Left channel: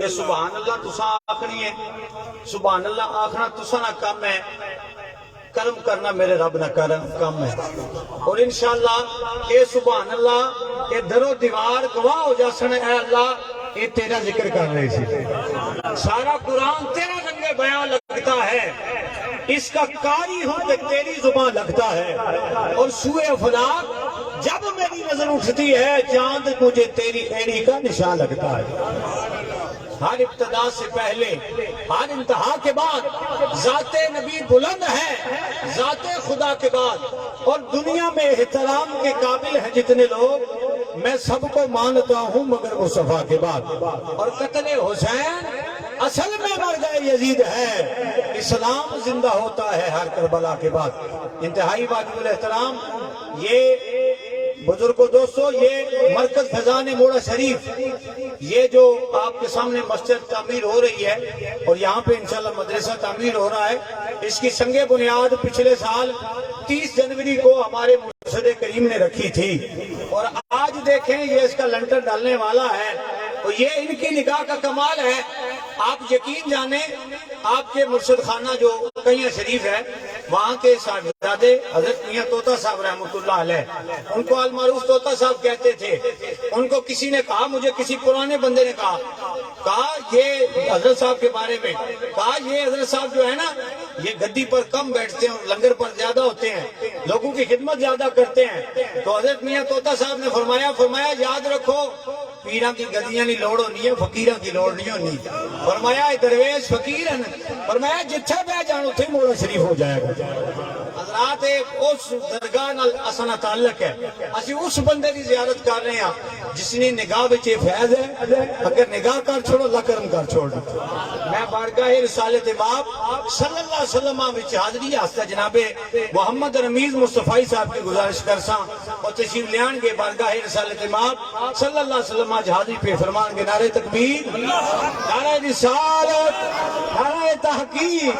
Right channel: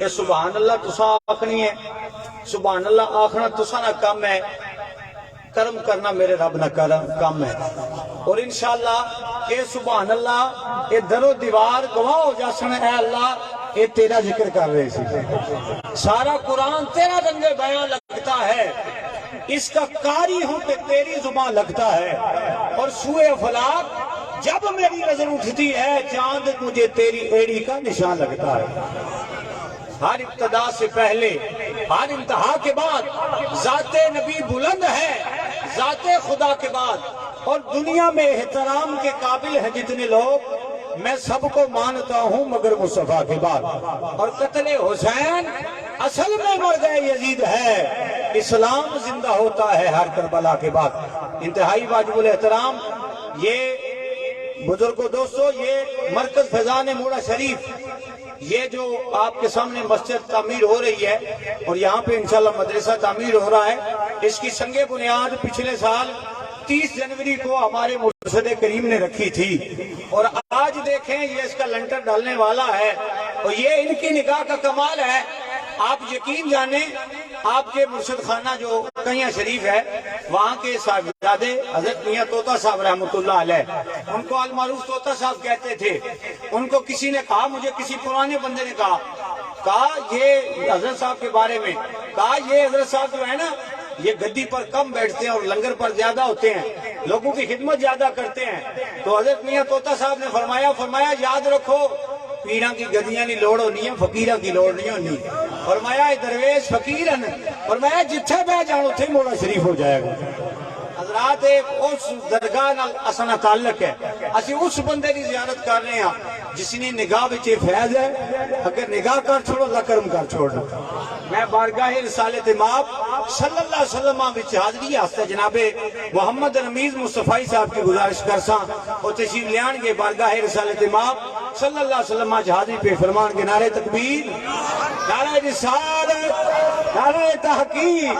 یہ سبحان اللہ تسا آخنی ہے، سبحان اللہ آخنا تسا نہ کم ہے، کرم کرنا میرے رب نہ کم ہے۔ اور انشاءاللہ یہ سبحان اللہ یہ در و دیوار گواہ ہو جاسن، اے اللہ یہ تیرا ذکر کر رہے تھے، سارا قرآن تیرا رنگ بیان لگتا ہے، اس کا قاری ہوں کہ تیری زبان لگتا ہے، اور سوئے افلاق جب میری نظر اٹھتی ہے چاند مجھے تیری ایڑی کا نشان لگتا ہے۔ ہر ابتدا سے پہلے ہر انتہا کے بعد ذات نبی بلند ہے، ذات خدا کے بعد، اور دنیا میں احترام کے قابل ہیں جتنے لوگ میں سب کو مانتا ہوں مگر مصطفیٰ کے بعد۔ اور قتل حسین اصل میں مر گئے یزید ہے، اسلام زندہ ہوتا ہے ہر کربلا کے بعد۔ انتہائی واجب الاحترام یہ بزرگوں دوستو، یہ مرکز فیضان موڑا شریف، یہ جو آپ کے سامنے مسجد تعمیر ہو رہی ہے اور یہاں پہ انشاءاللہ مدرسہ تعمیر ہو رہا ہے، اس کی سنگ بنیاد پچھلے سال 30 جنوری کو ہمارے مرشد کریم نے رکھی تھی، اور آج دیکھیں یہ اس کا لنٹر ڈالنے والا ہے، اور یہ ان کی نگاہ کا کمال ہے۔ آپ یقین جانیں، آپ کے مرشد خانہ جو قیاں شریف ہے، وہاں کے صاحبزادے حضرت میاں طوطا صاحب رحمۃ اللہ علیہ، ان کو المعروف طوطا صاحب کہتے تھے۔ ان کو کسی نے کہا، مجھے کسی پرانے بندے نے کہا یہ حضرت صاحب کے بارے میں، کہا یہ حضرت صاحب جو ہے نا یہ گدی پر کم بیٹھتے ہیں اور لنگر پر زیادہ ہوتے ہیں، لوگوں کی خدمت زیادہ کرتے ہیں۔ تو حضرت میاں طوطا صاحب نے فرمایا یاد رکھو، پیران کی گدیاں نہیں لوڑ ہونی ہے، فقیران کی لوڑ نہیں ہونی۔ فرمایا درویش فقیر ہیں، فرمایا جتھے بہ جانو تھے موڑا شریف ہو جائے گا۔ حضرات اس درگاہ نال اساں تعلق ہے، اسی اس بندے کی زیارت کر رہے ہیں جس نے نگاہ وچ فیض ہے، اگر نگاہ کر چھوڑو اللہ کرم کر چھوڑ دو۔ میں بارگاہ رسالت مآب صلی اللہ علیہ وسلم وچ حاضری واسطے جناب محمد رمیز مصطفی صاحب کی گزارش کرساں، اور تشریف لیان گے بارگاہ رسالت مآب صلی اللہ علیہ وسلم وچ حاضری پہ فرمان گے نعرہ تکبیر، نعرہ رسالت، نعرہ تحقیق،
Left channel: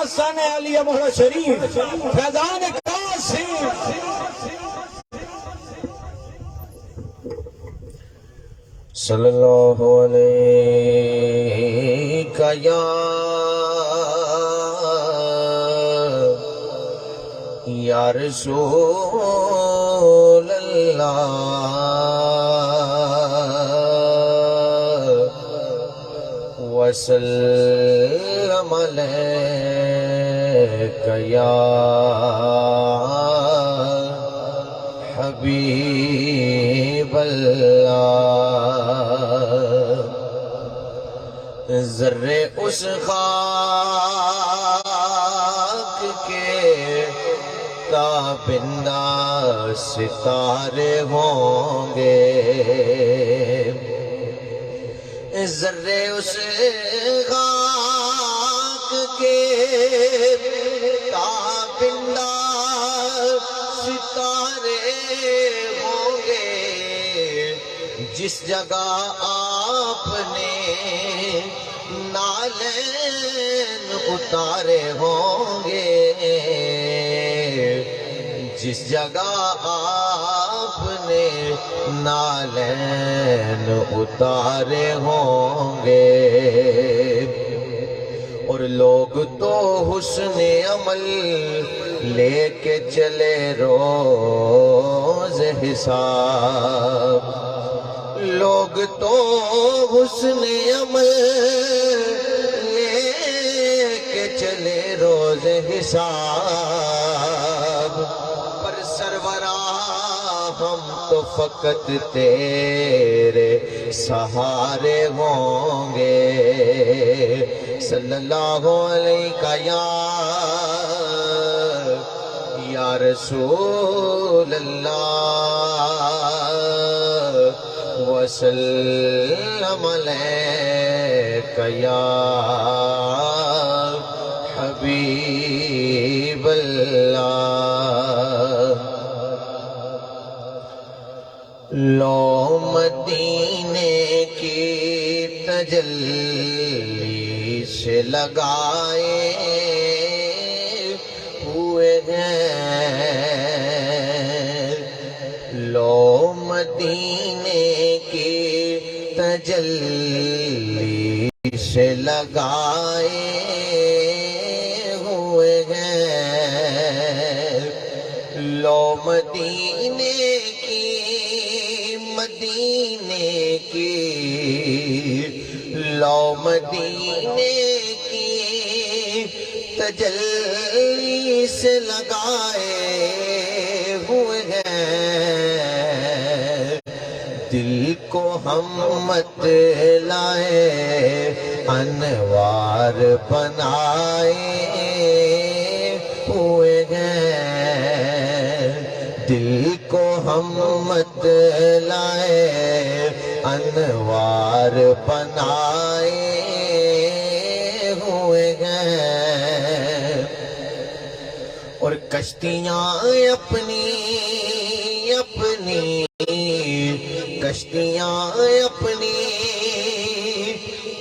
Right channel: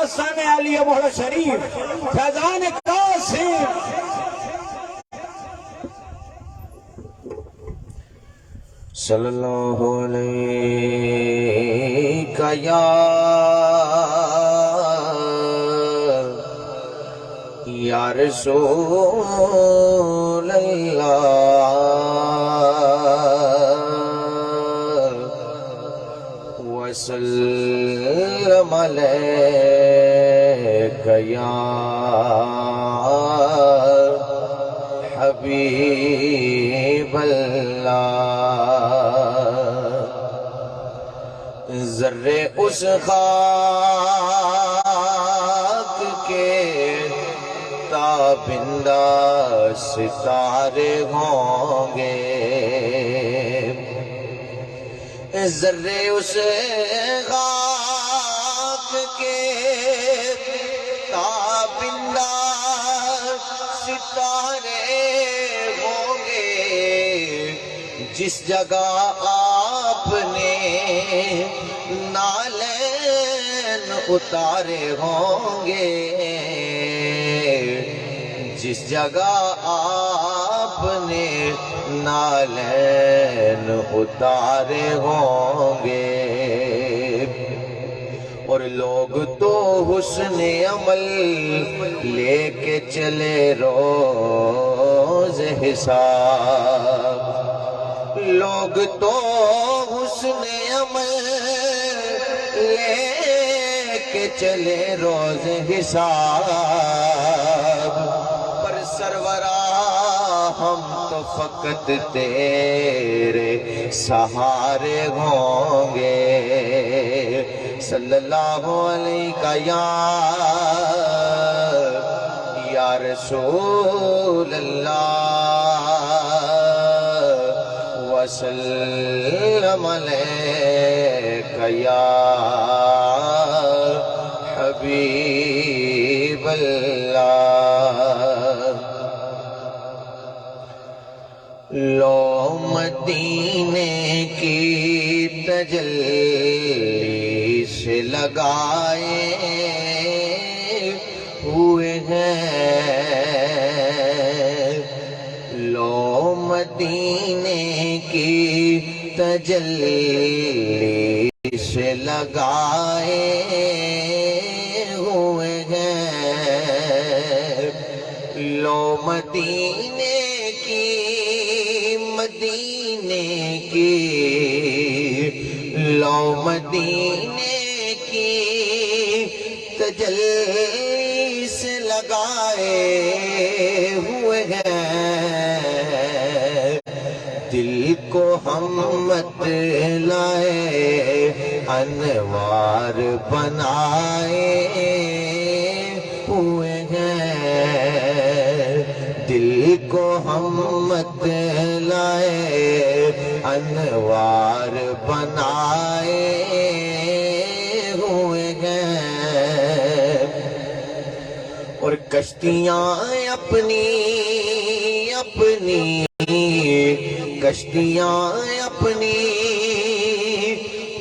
آستان علی مولا شریف، فیضان قاسم۔ صلی اللہ علیہ یا رسول اللہ، وسلم علیک یا حبیب اللہ۔ ذرے اس خاک کے تابندہ ستارے ہوں گے، ذرے اس خاک کے تابندہ ستارے ہوں گے، جس جگہ آپ نے نالین اتارے ہوں گے، جس جگہ آپ نے نالین اتارے ہوں گے۔ اور لوگ تو حسن عمل لے کے چلے روز حساب، لوگ تو حسن عمل لے کے چلے روز حساب، پر سرورا ہم تو فقط تیرے سہارے ہوں گے۔ صلی اللہ علیہ یا رسول اللہ، وسلم علیک یا حبیب اللہ۔ لو مدینے کی تجلی سے لگائے ہوئے ہیں، لو مدینے کی تجلی سے لگائے ہوئے ہیں لو مدینے کی مدینے کی لو مدینے کی تجلی سے لگائے ہوئے ہیں دل کو ہم مت لائے انوار بنائے ہوئے ہیں دل کو ہم مت لائے انوار بنائے ہوئے ہیں اور کشتیاں اپنی اپنی کشتیاں اپنی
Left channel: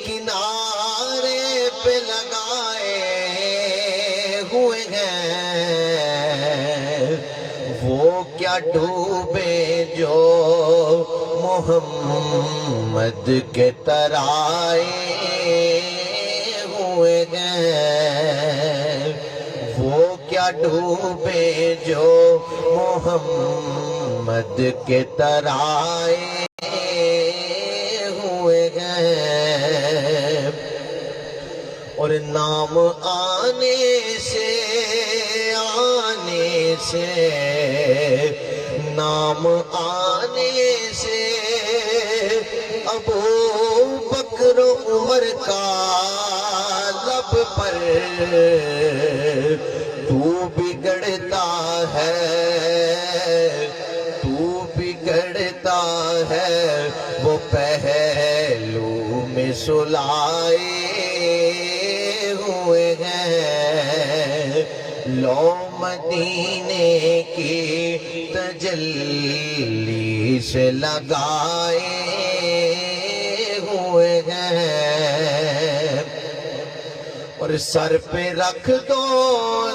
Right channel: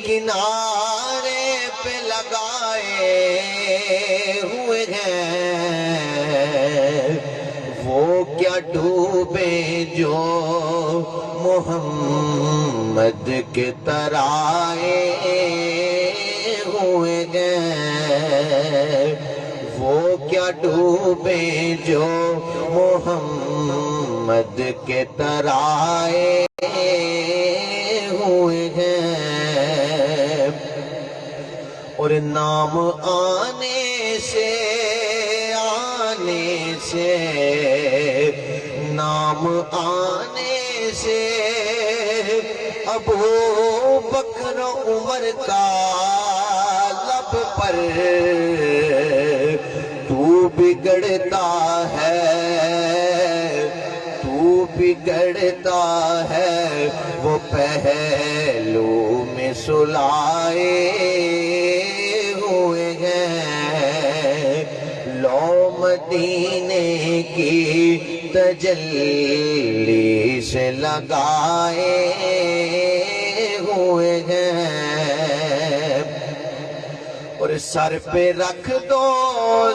کنارے پہ لگائے ہوئے ہیں وہ کیا ڈوبے جو محمد کے ترائے ہوئے ہیں وہ کیا ڈوبے جو محمد کے ترائے ہوئے ہیں اور نام آنے سے نام آنے سے ابو بکر عمر کا لب پر تو بگڑتا ہے وہ پہلو میں سلائے ہوئے ہیں لو مدینے کی تجلی سے لگائے ہوئے ہیں اور سر پہ رکھ دو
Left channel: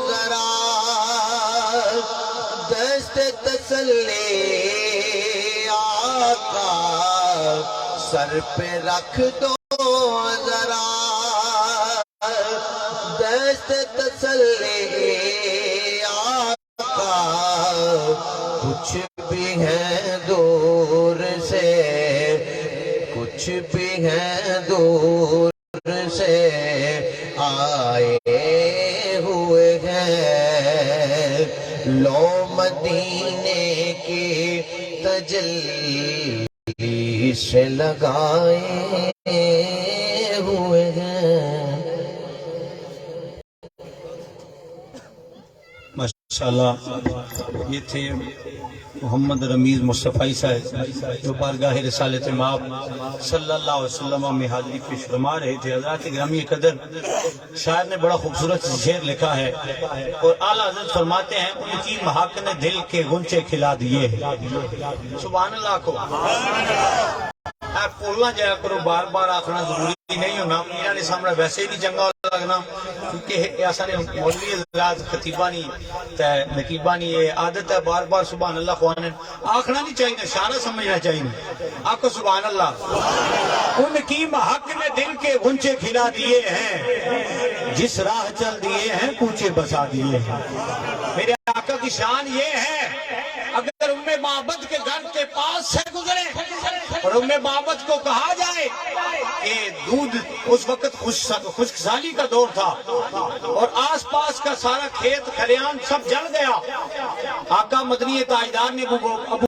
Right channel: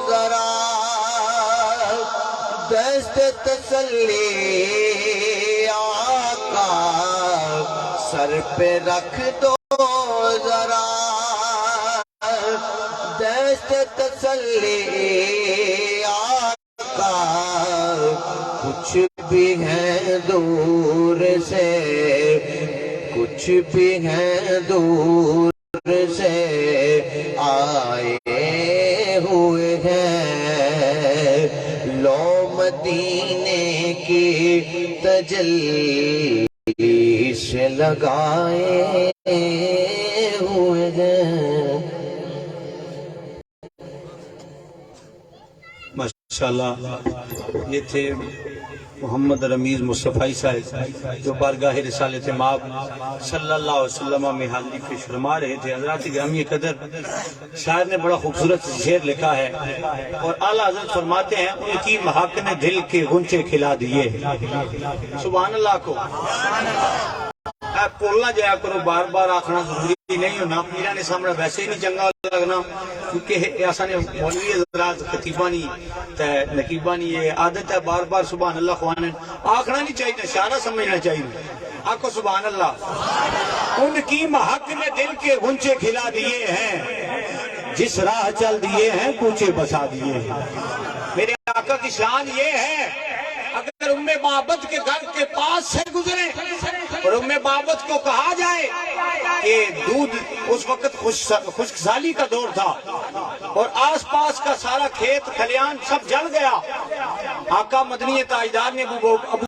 ذرا دست تسلی آقا سر پہ رکھ دو ذرا دست تسلی آقا کچھ بھی ہے دور سے کچھ بھی ہے دور سے آئے ہوئے ہیں لو مدینے کی تجلی سے لگائے ہوئے ہیں ماشاءاللہ یہ تھے محمد رمیز مصطفی صاحب جو بارگاہ رسالت مآب صلی اللہ علیہ وسلم میں حاضری پیش فرما رہے تھے حضرات گرامی قدر شاعر نے بڑا خوبصورت شعر لکھا ہے اور اعلیٰ حضرت فرماتے ہیں ان کی مہک نے دل کے غنچے کھلا دیے ہیں سبحان اللہ کو بولنا جایا کرو بار بار آخنا ضروری نہیں ہونا میرا نے سامنے ویسے ہی نہیں چنگا لگنا کیونکہ ایسا نے مولوی حضرات خطیبانی نقیبانی یہ عادت ہے بار بار سبحان اللہ خوانے آخنا نہیں چاہیے اشارہ سمجھنا چاہیے آخو سبحان اللہ ان کی مہک نے دل کے غنچے کھلا دیے ہیں جس راہ چل دیے ہیں کوچے بسا دیے ہیں میرے آقا کی شان یہ ہے اگر ام معبد کے گھر کے پاس سے گزرے اور ام معبد کو کہا جائے کہ دودھ اس وقت خشک سالی کا دور تھا اور آس پاس کا سارا کھیت کھلیان سب جل گیا آقا مدنی تاجدار نے ابو